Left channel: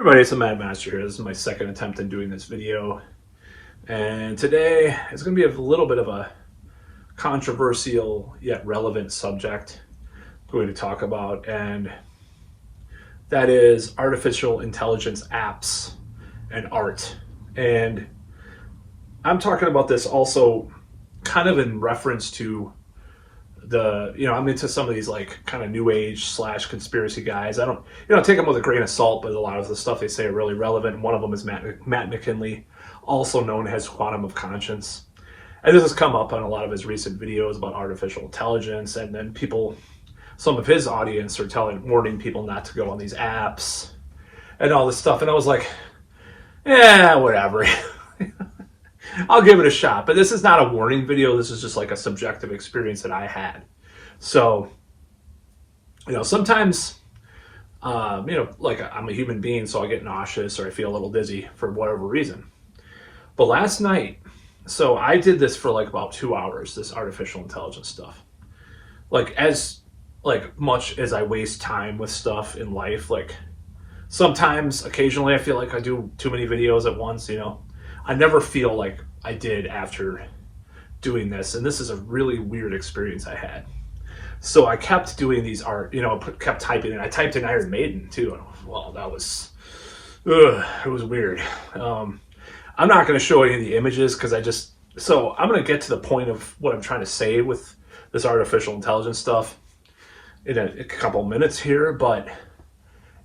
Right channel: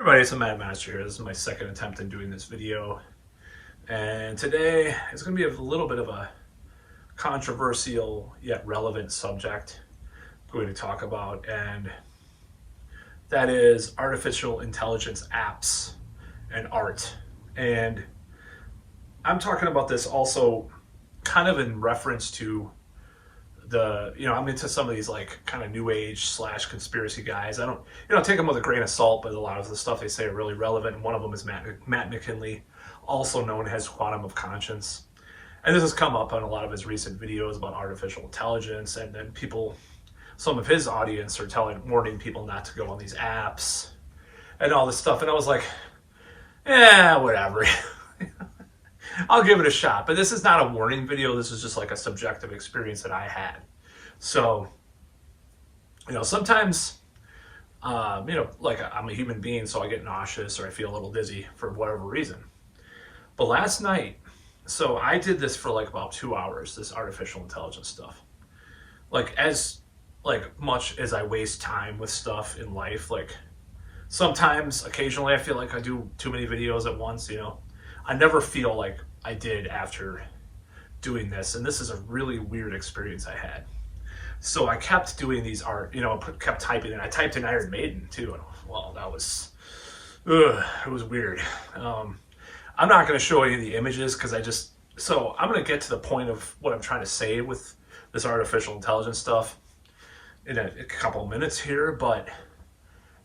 Everybody, it's a Mad Master here. This is my second attempt at doing this video. And today is going to be a little bit of a controversial yet relevant subject I'm going to talk about. And that is artificial intelligence apps and art. And I'm talking about this also kind of in reference to I'm into some of these like kind of new age / conspiracy guys. I don't, take them with a grain of salt, but a lot of the stuff they say are really relevant. And one of them is Matt McKinley, also known as Quantum of Conscience. And this has come up on a lot of his recent videos about artificial intelligence. And then some of his audience are warning people not to go on these apps and all this stuff. And I was like, whatever. I'll give it a shot, but this is not a warning video. This is just like a subjective experience that I had. So, sometimes, like I'm a human being, so I get nauseous or I feel a little dizzy for whatever reason. But last night, so I did this for like about 2 hours, this artificial intelligence stuff. Like as much as I waste time with stuff in life, like sometimes, occasionally I feel like I do too many videos at once, I never feel like I did after doing this. And this is a really weird experience I had. So I kept doing these kept typing, and I typed in Iron Maiden too. And well, it was weird. I'm not going to show any of the images because I'm going to get to the point of what I'm trying to say with this artificial intelligence stuff in a couple minutes here, but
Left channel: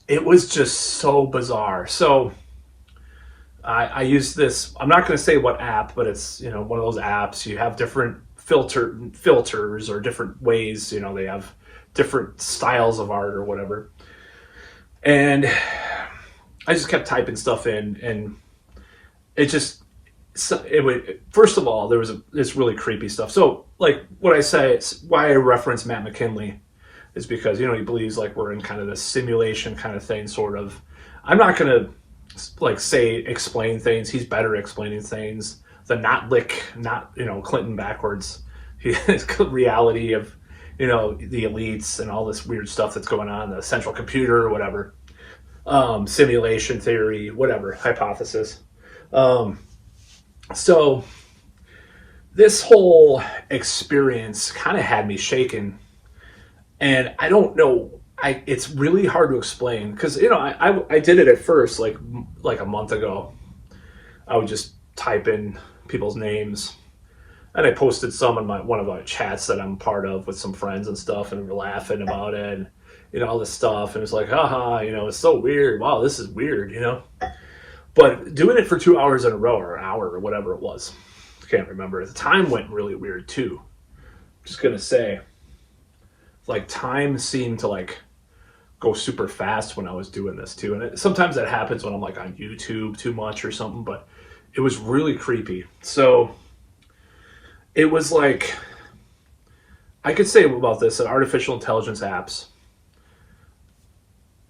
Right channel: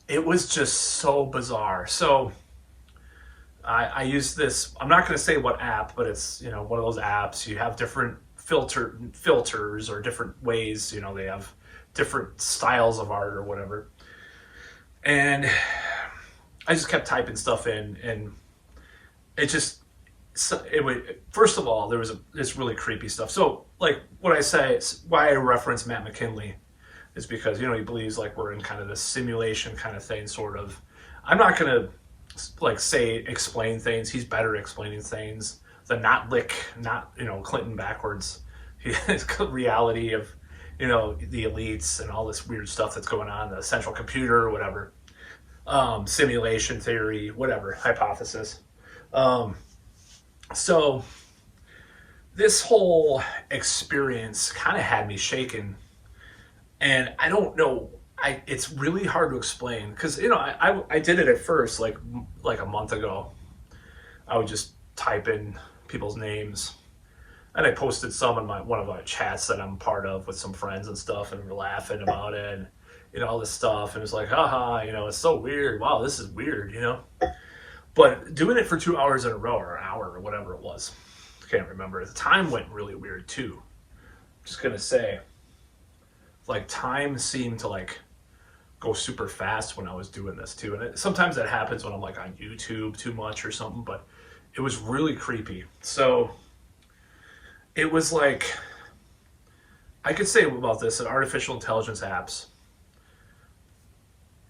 it was just so bizarre. So I use this, I'm not going to say what app, but it's, one of those apps. You have different filters or different ways, they have different styles of art or whatever. And I just kept typing stuff in, and first of all, there was this really creepy stuff. So like what I say, it's why I reference Matt McKinley is because, he believes like we're in kind of this simulation kind of thing, sort of. I'm not going to explain things. He's better explaining things than not Clinton backwards. His reality of, the elites and all this weird stuff that's going on, the central computer or whatever, simulation theory, whatever, hypothesis. So this whole experience kind of had me shaken, and I don't know, it's really hard to explain because I did it at first like a month ago. I would just type in people's names, and I posted some in one of our chats that I'm part of with some friends and stuff, and we're laughing about it and all this stuff, and it's like, haha, it's so weird. Wow, this is weird, But doing it for 2 hours in a row, or an hour, or whatever it was, I can't remember. The time went really weird too. I'm just gonna say, like time seemed to go super fast when I was doing this too. And sometimes that happens when I'm like on YouTube too much or something, but it was really creepy. So it was like, I could say about this, that artificial intelligence apps,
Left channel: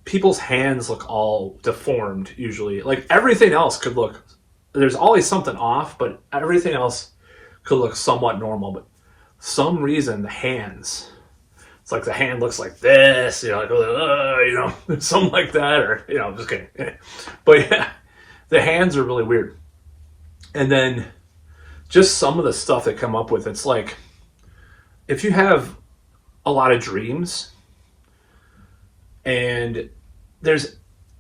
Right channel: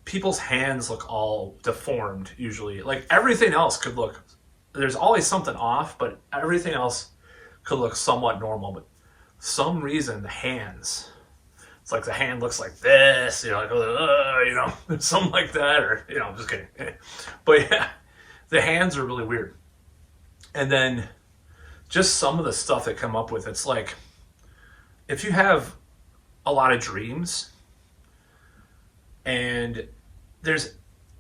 people's hands look all deformed usually. Like everything else could look, there's always something off, but everything else could look somewhat normal. But for some reason the hands, it's like the hand looks like this, something like that, or, just kidding. But yeah, the hands are really weird. And then just some of the stuff they come up with, it's like, if you have a lot of dreams, and there's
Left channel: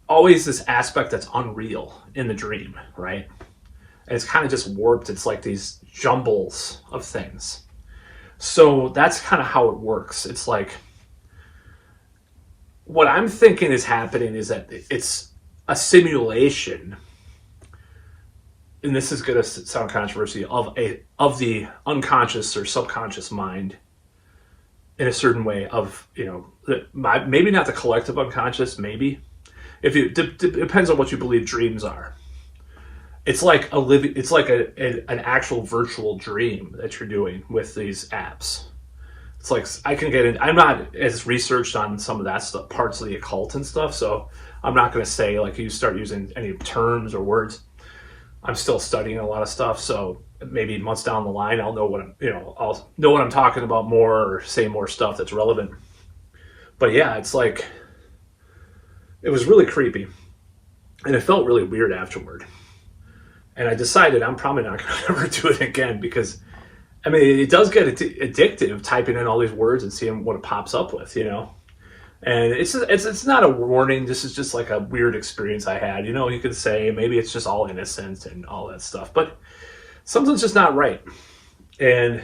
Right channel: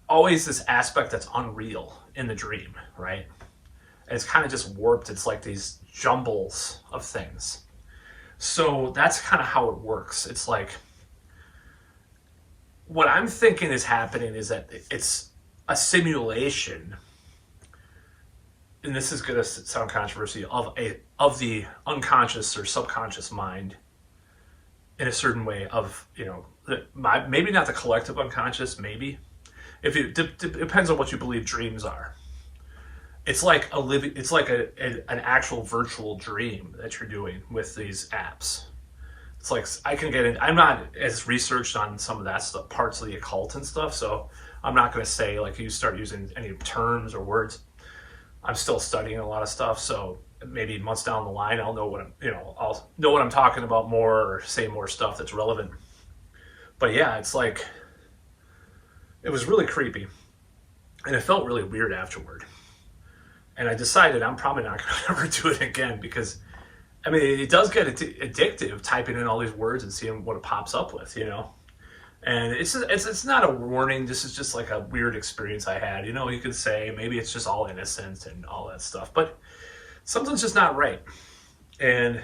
always this aspect that's unreal in the dream, right? And it's kind of just warped. It's like these jumbles of things. So that's kind of how it works. It's like, what I'm thinking is happening is that it's a simulation, and this is going to sound controversial, of the unconscious or subconscious mind in a certain way of, maybe not the collective unconscious, maybe. Depends on what you believe dreams are. It's like an actual virtual dream that you're doing with these apps. It's like, I'm not as researched on some of that stuff, parts of the occult and stuff, so I'm not going to say like you start using any terms or words. I'm still studying a lot of stuff, so maybe months down the line I'll know I'll know what I'm talking about more, or say more stuff that's relevant. But yeah, it's like, it was really creepy. and it felt really weird afterward. And I decided I'm probably not going to ever do it again because, I mean, it does get addictive typing in all these words and seeing what it pops up with, And it's not a warning. This is just like a weird experience I had. You could say maybe it's just all innocent and all that stuff, but something's just not right. And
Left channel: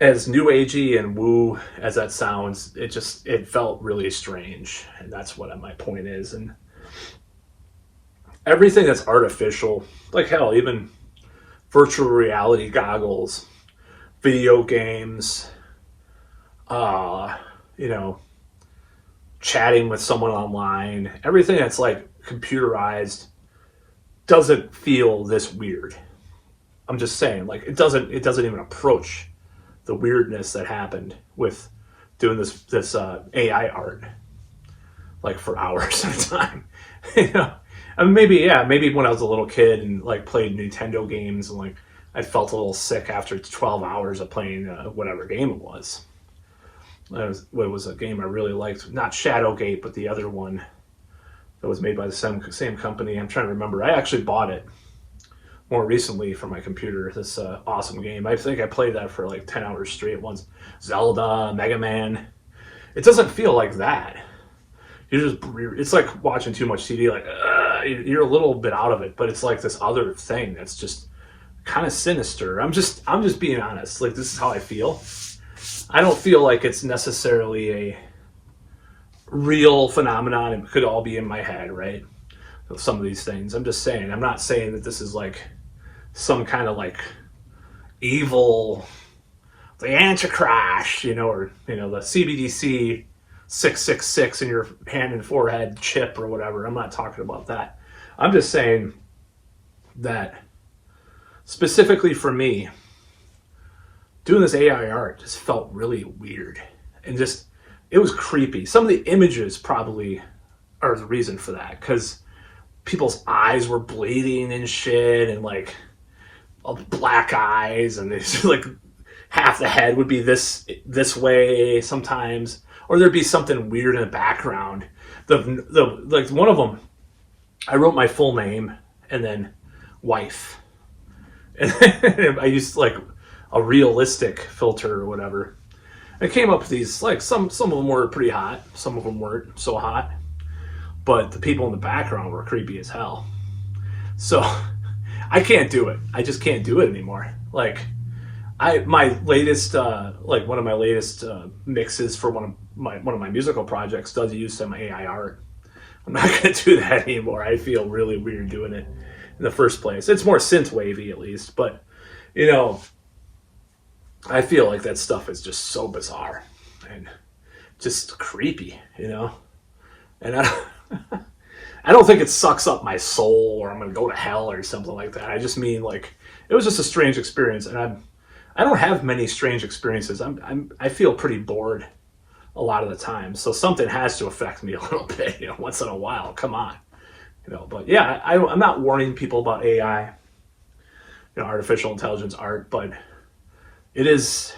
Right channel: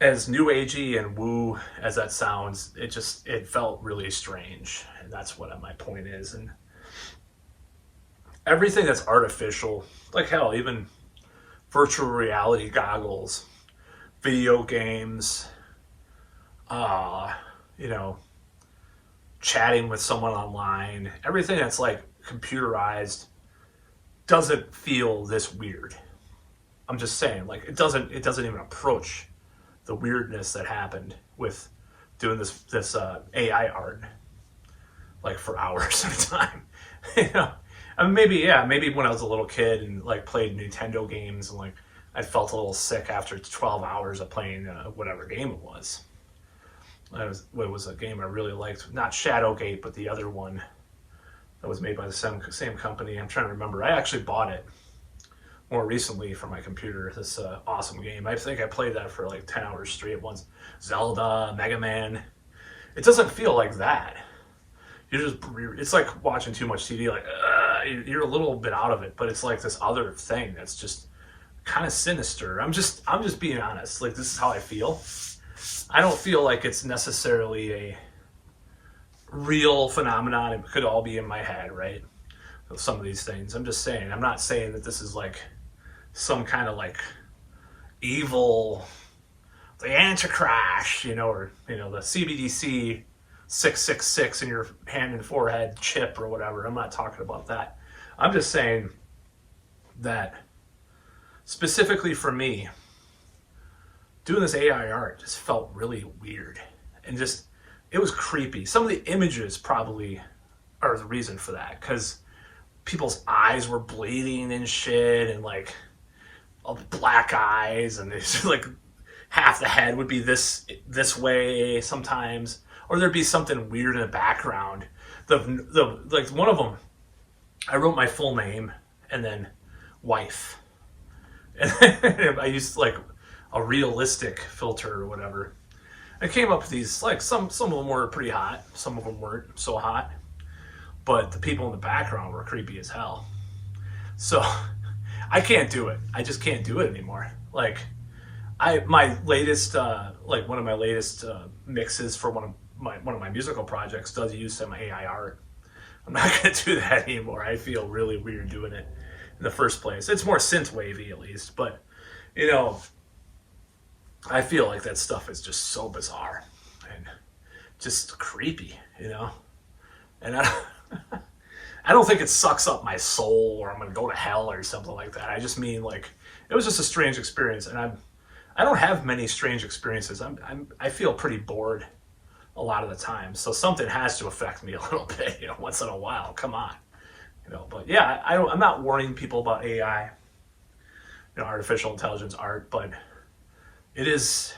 as new agey and woo as that sounds, it felt really strange, and that's what my point is. And everything that's artificial, like hell, even virtual reality goggles, video games, chatting with someone online, everything that's like computerized doesn't feel this weird. I'm just saying, like it doesn't even approach the weirdness that happened with doing this AI art, like for hours at a time. I mean, maybe when I was a little kid and like played Nintendo games and like I felt a little sick after 12 hours of playing whatever game it was. It was a game I really liked, not Shadowgate, but the other one that was made by the same company. I'm trying to remember. I actually bought it more recently for my computer. This awesome game. I think I played that for like 10 hours straight once. Zelda, Mega Man. It doesn't feel like that. It's like watching too much TV. Like you're a little bit out of it, but it's like this other thing that's just kind of sinister. I'm just being honest. Like this is how I feel. I don't feel like it's necessarily a real phenomenon. It could all be in my head, right? Some of these things. I'm just saying. I'm not saying that this is like some kind of like evil, the Antichrist, or the CBDC 666 in your hand and forehead chip or whatever. I'm not talking about that. I'm just saying that specifically for me, doing this AI art just felt really weird and just, it was creepy. Some of the images probably are the reason for that, because people's eyes were bleeding and shit, and like black eyes, and there's like half the head would be this way sometimes, or there'd be something weird in the background. The like one of them, I wrote my full name and then wife, and I used like a realistic filter or whatever. I came up with these, like some of them were pretty hot, some of them weren't so hot, but the people in the background were creepy as hell. So I can't do it. I just can't do it anymore. Like my latest one of my latest mixes for one of my musical projects does use some AI art. I'm not going to do that anymore. I feel really weird doing it in the first place. It's more synth wavy at least, but I feel like that stuff is just so bizarre and just creepy, and I don't think it sucks up my soul or I'm going to go to hell or something like that. I just mean like it was just a strange experience, and I don't have many strange experiences. I feel pretty bored a lot of the time, so something has to affect me a little bit, once in a while. Come on, But yeah, I'm not warning people about AI, artificial intelligence art, but there's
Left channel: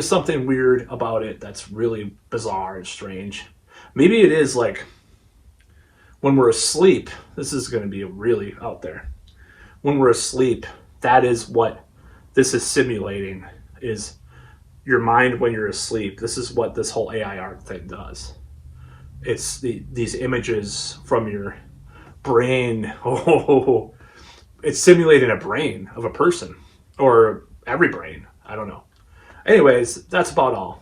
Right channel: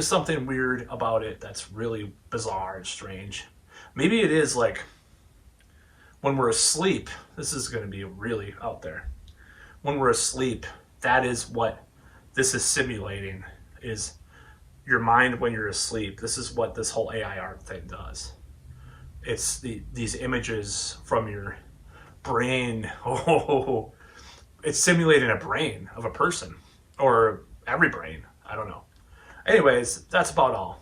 something weird about it that's really bizarre and strange. Maybe it is like when we're asleep. This is going to be really out there. When we're asleep, that is what this is simulating, is your mind when you're asleep. This is what this whole AI art thing does. It's these images from your brain. Oh, it's simulating a brain of a person, or every brain. I don't know. Anyways, that's about all.